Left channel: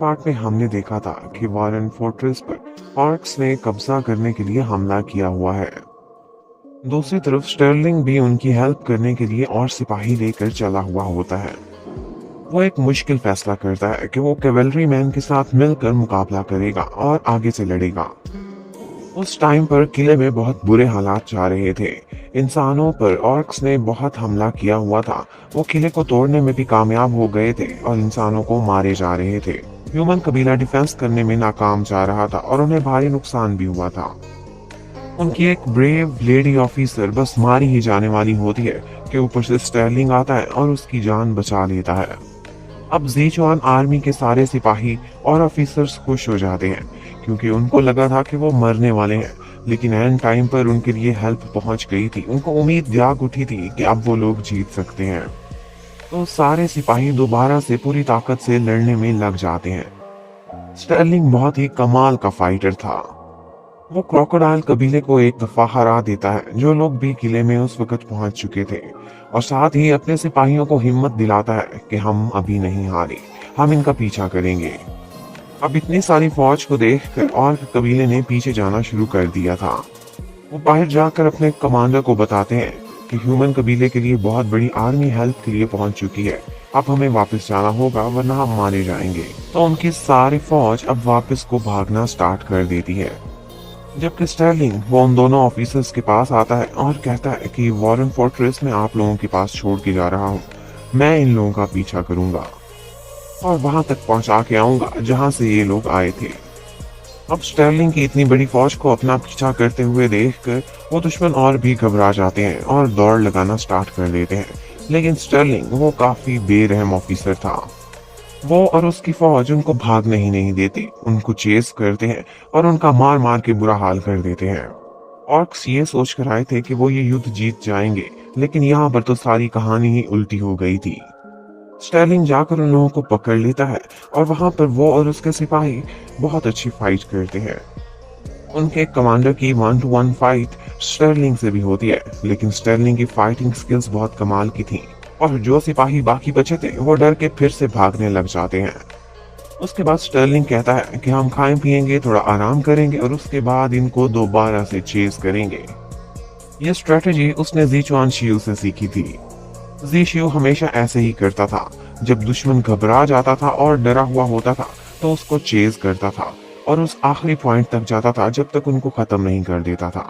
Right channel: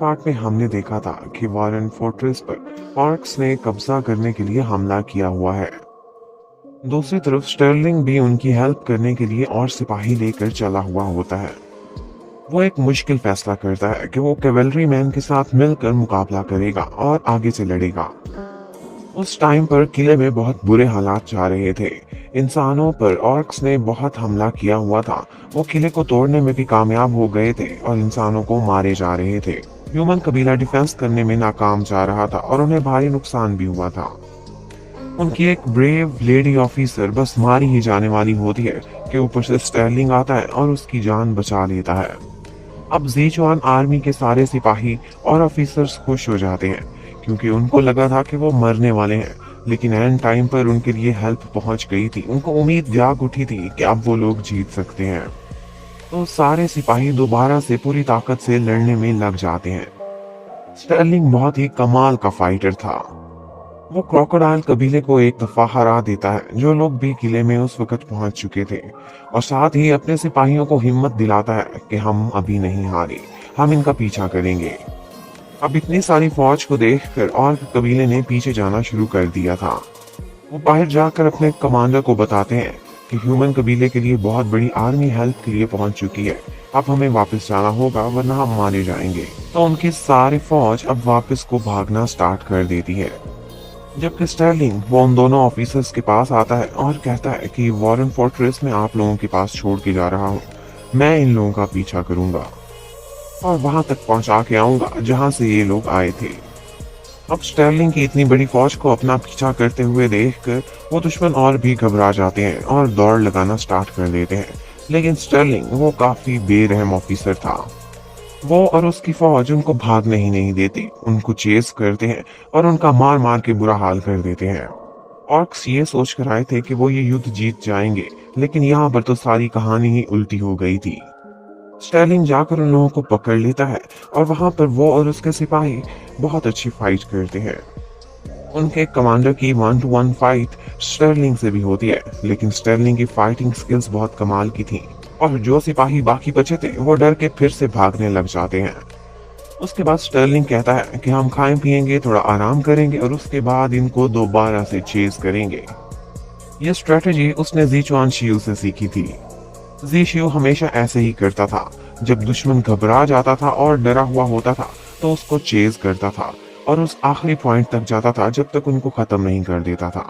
Part में हमने देखा था कि वॉरेन फोर्ट्रेस पर ऑर्क्स ने कब्जा करने के लिए हमला किया हुआ है। दूसरी तरफ स्टर्लिंग भी उनकी हेल्प करने के लिए और सिपाही लेकर चला हुआ होता है। वो एक मुश्किल फैसला करता है कि वो कैवेलरी मैन के साथ मिलकर मुकाबला करेगा और आगे से लड़ेगा। उस टाइम पर किले में बहुत बुरे हालात जा रहे थे। इंसानों पर ऑर्क्स ने बहुत हमला किया हुआ था। वो किले को तोड़ने में भी कामयाब हो गए थे और इंसानों को मारे जा रहे थे। ह्यूमन कबीला डिफेंस करने में नाकाम जा रहा था और उन्हें भारी नुकसान भी हुआ था। उनकी एक ब्रेव लेडी ऑफिसर बस मारी ही जाने वाली होती है कि ऊपर से स्टर्लिंग आता है और उसकी जान बचा लेता है। अब ज़ेचुआन आर्मी के सारे सिपाही और ऑफिसर्स खुश हो जाते हैं क्योंकि उनको लगा था कि वो मरने वाले हैं, लेकिन एंड टाइम पर उनके लिए हेल्प पहुंच गई थी। उनको उम्मीद जाग उठी थी कि अब वो लोग जीत सकते हैं। तो सारे सिपाही दोबारा से पूरी ताकत से लड़ने में लग जाते हैं। स्टर्लिंग बहुत ही कमाल का फाइटर था। वो क्रोकोडाइल कबीले को एक दफा हरा देता है, जो लोग भी किले में उस वक्त पहुंच चुके थे, और साथ ही अपने सिपाहियों को हिम्मत दिलाता है कि हम अभी नहीं हारे, हम इनका पीछा करेंगे। अब इतनी सारी फौज को देखकर और कबीले ने पीछे जाना शुरू कर दिया था। वो बाहर जाकर अपने कमांडर को बताते हैं कि ह्यूमन कबीले के लिए बहुत बड़ी आर्मी हेल्प के लिए पहुंच चुकी है। अब हमें वापस जाना होगा वरना हम मारे जाएंगे। तो उनकी सारी फौज अब वापस को भागना स्टार्ट कर देती है, जबकि स्टर्लिंग वो उन दोनों ऑफिसर्स के पास आता है और कहता है कि वॉरेन फोर्ट्रेस में आप लोगों के पास छोड़ के जा रहा हूँ। मैं इन लोगों का पीछा करूंगा और वहां तक पहुंचा के आऊंगा जहां से ये लोग आए थे। अब स्टर्लिंग की इतनी बड़ी फौज को अपना पीछा करते हुए देखकर वो दुश्मन और भी घबरा जाते हैं और दौड़ लगाना स्टार्ट कर देते हैं। लेकिन स्टर्लिंग वो काफी बेरहम ऑफिसर था। वो और उसकी फौज उनको भागने ही नहीं देते, उनको चेस करते हैं और उनका मार मार के बुरा हाल कर देते हैं। ऑर्क्स ये सोच कर आए थे कि वो ये युद्ध जीत जाएंगे, लेकिन यहाँ पर तो सारी कहानी ही उल्टी हो गई थी। स्टर्लिंग जाकर उन लोगों को पकड़ लेता है और वहां पर वो और उसके सिपाही बहुत अच्छी फाइट करते हैं। उनके कमांडर की 1-to-1 फाइट स्टर्लिंग से भी होती है, लेकिन स्टर्लिंग की फाइटिंग स्किल्स बहुत कमाल की थी और जो सिपाही बाकी बचे थे वो डर के फिर से भागने लग जाते हैं। उसके बाद स्टर्लिंग कहता है कि हम खाएं पिएंगे, थोड़ा आराम करेंगे और उसके बाद इनको दोबारा से चेस करेंगे। यह स्ट्रेटेजी उसने ज़ीचुआन शियू से सीखी थी। ज़ेशियो हमेशा ऐसे ही करता था। जब दुश्मन घबरा जाता था और डरा हुआ होता था तो उसको चेज करता था और उस आखिरी पॉइंट तक जाता था जब तक उनको खत्म नहीं कर देता था।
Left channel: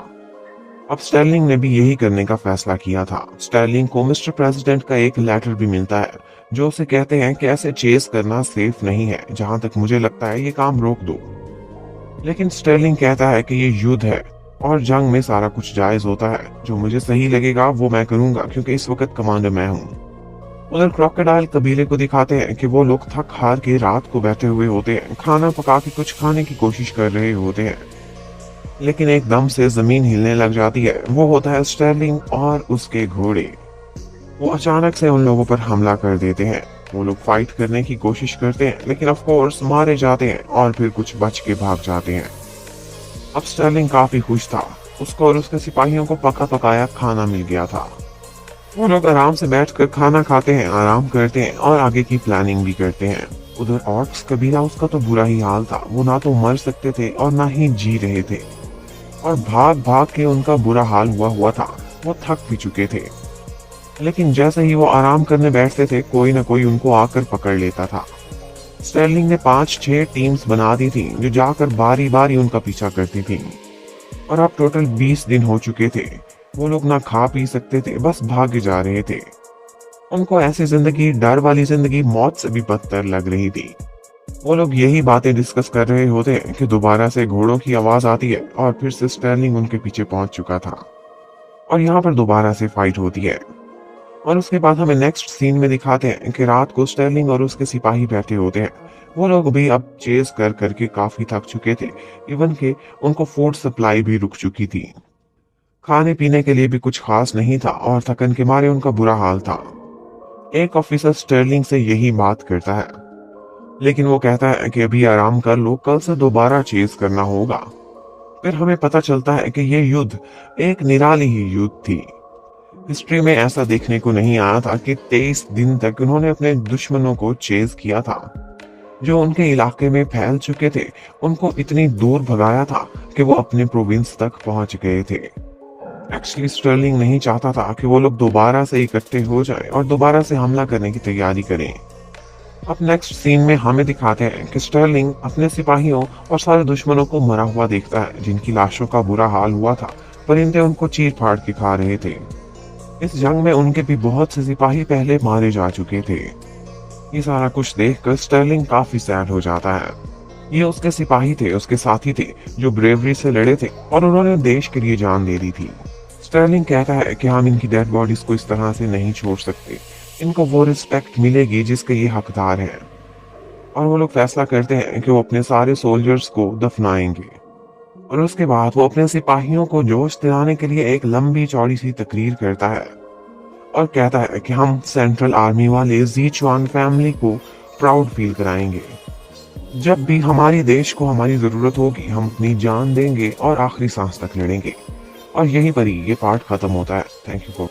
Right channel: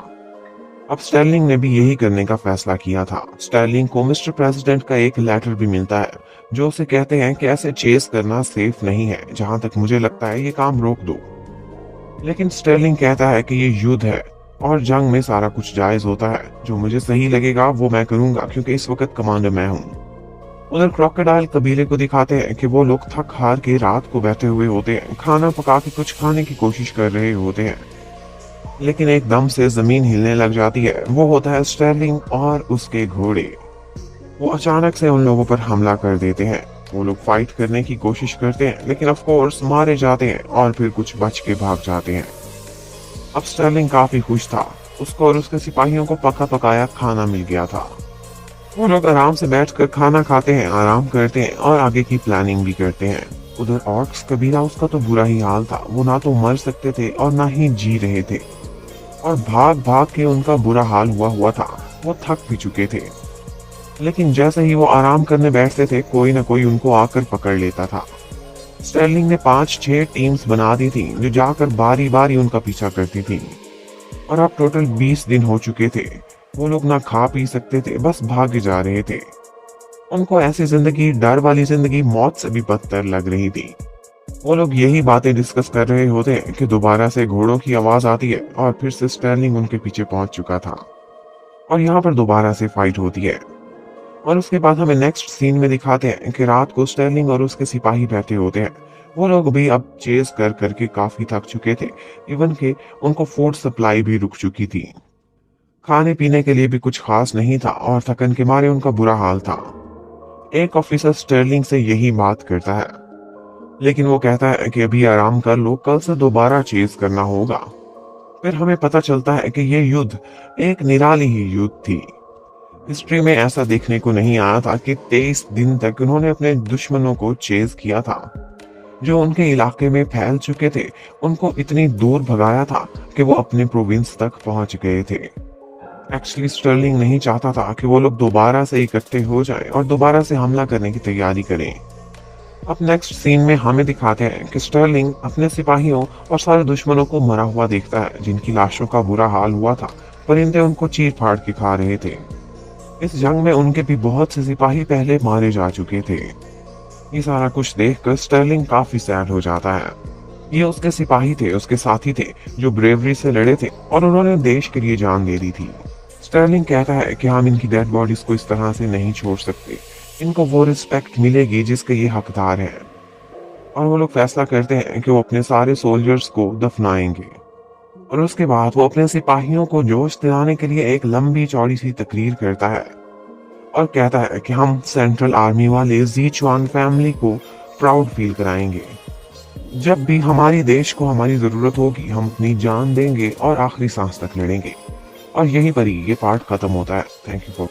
अब स्टर्लिंग ने भी यही करने का फैसला किया था। स्टर्लिंग को मिस्टर प्रेसिडेंट का एक लेटर भी मिलता है जो उसे कहते हैं कि ऐसे चेस करना सेफ नहीं है, जहां तक मुझे लगता है ये काम रोक दो। लेकिन स्टर्लिंग कहता है कि ये युद्ध है और जंग में सारा कुछ जायज होता है। जो मुझे सही लगेगा वो मैं करूंगा क्योंकि इस वक्त कमांडर मैं हूँ। उधर क्रोकोडाइल कबीले को दिखाते हैं कि वो लोग थक हार के रात को बैठे हुए होते हैं, खाना पका के कुछ खाने की कोशिश कर रहे होते हैं, लेकिन एकदम से जमीन हिलने लग जाती है। वो होता है स्टर्लिंग और उसके घोड़े। वो अचानक से उन लोगों पर हमला कर देते हैं। वो लोग फाइट करने की कोशिश करते हैं लेकिन ऑफ कोर्स मारे जाते हैं और फिर कुछ बच के भाग जाते हैं। अब स्टर्लिंग काफी खुश था, उसको और उसके सिपाहियों को पका पकाया खाना मिल गया था। वो लोग आराम से बैठकर खाना खाते हैं, आराम करते हैं और आगे की प्लानिंग भी करते हैं। उधर ऑर्क्स कबीला उसका तो बुरा ही हाल था। वो ना तो मर सकते थे और ना ही जी रहे थे और भाग भाग के उनका बुरा हाल हुआ था। वो थक भी चुके थे, लेकिन जैसे ही वो आराम करने बैठते थे कोई ना कोई उनको आकर पकड़ लेता था। स्टर्लिंग ने 5-6 टीम्स बना दी थी जो जाकर बारी बारी उनका पीछा करती थी और अब टोटल 20 दिन हो चुके थे। वो लोग ना खा पी सकते थे, बस भागे जा रहे थे। उनको ऐसी जिंदगी, डर वाली जिंदगी मौत से भी बदतर लग रही थी। वो लोग यही बातें डिस्कस कर रहे होते हैं कि दोबारा से घोड़ों की आवाज आती है और फिर से स्टर्लिंग उनके पीछे पहुंच चुका था और यहाँ पर दोबारा से फाइट होती है। और उसके बाद हमें नेक्स्ट सीन में दिखाते हैं कि रात को स्टर्लिंग और उसके सिपाही बैठे होते हैं। वो लोग भी अब चेस कर करके काफी थक चुके थे, इवन के उनको फूड सप्लाई भी रुक चुकी थी। खाने पीने के लिए भी कुछ खास नहीं था और थकन के मारे उनका बुरा हाल था। एक ऑफिसर स्टर्लिंग से यही बात करता है, लेकिन वो कहता है कि अभी आराम कर लो, कल से दोबारा चेस करना होगा। फिर हमें पता चलता है कि ये युद्ध एक निराली ही युद्ध थी। हिस्ट्री में ऐसा देखने को नहीं आया था कि 23 दिन तक उन्होंने अपने दुश्मनों को चेज किया था, जो उनके इलाके में फैल चुके थे। उनको इतनी दूर भगाया था कि वो अपने प्रोविंस तक पहुंच गए थे। एक्चुअली स्टर्लिंग नहीं चाहता था कि वो लोग दोबारा से इकट्ठे हो जाएं और दोबारा से हमला करने की तैयारी करें। अब नेक्स्ट सीन में हमें दिखाते हैं कि स्टर्लिंग अपने सिपाहियों और सारे दुश्मनों को मरा हुआ देखता है, जिनकी लाशों का बुरा हाल हुआ था। परिंदे उनको चीर फाड़ के खा रहे थे। इस जंग में उनके भी बहुत से सिपाही पहले मारे जा चुके थे। ये सारा कुछ देखकर स्टर्लिंग काफी सैड हो जाता है। ये उसके सिपाही थे, उसके साथी थे, जो ब्रेवरी से लड़े थे और उन्होंने देश के लिए जान दे दी थी। स्टर्लिंग कहता है कि हम इनकी डेड बॉडीज को इस तरह से नहीं छोड़ सकते। इनको वो रिस्पेक्ट मिलेगी जिसके ये हकदार हैं। और वो लोग फैसला करते हैं कि वो अपने सारे सोल्जर्स को दफनाएंगे। और उसके बाद वो अपने सिपाहियों को जोश दिलाने के लिए एक लंबी चौड़ी सी तकरीर करता है और कहता है कि हम सेंट्रल आर्मी वाले ज़ीचुआन फैमिली को प्राउड फील कराएंगे। जब भी हमारे देश को हमारी जरूरत होगी, हम अपनी जान देंगे और आखिरी सांस तक लड़ेंगे। और यहीं पर ही ये पार्ट खत्म होता है। Thank you for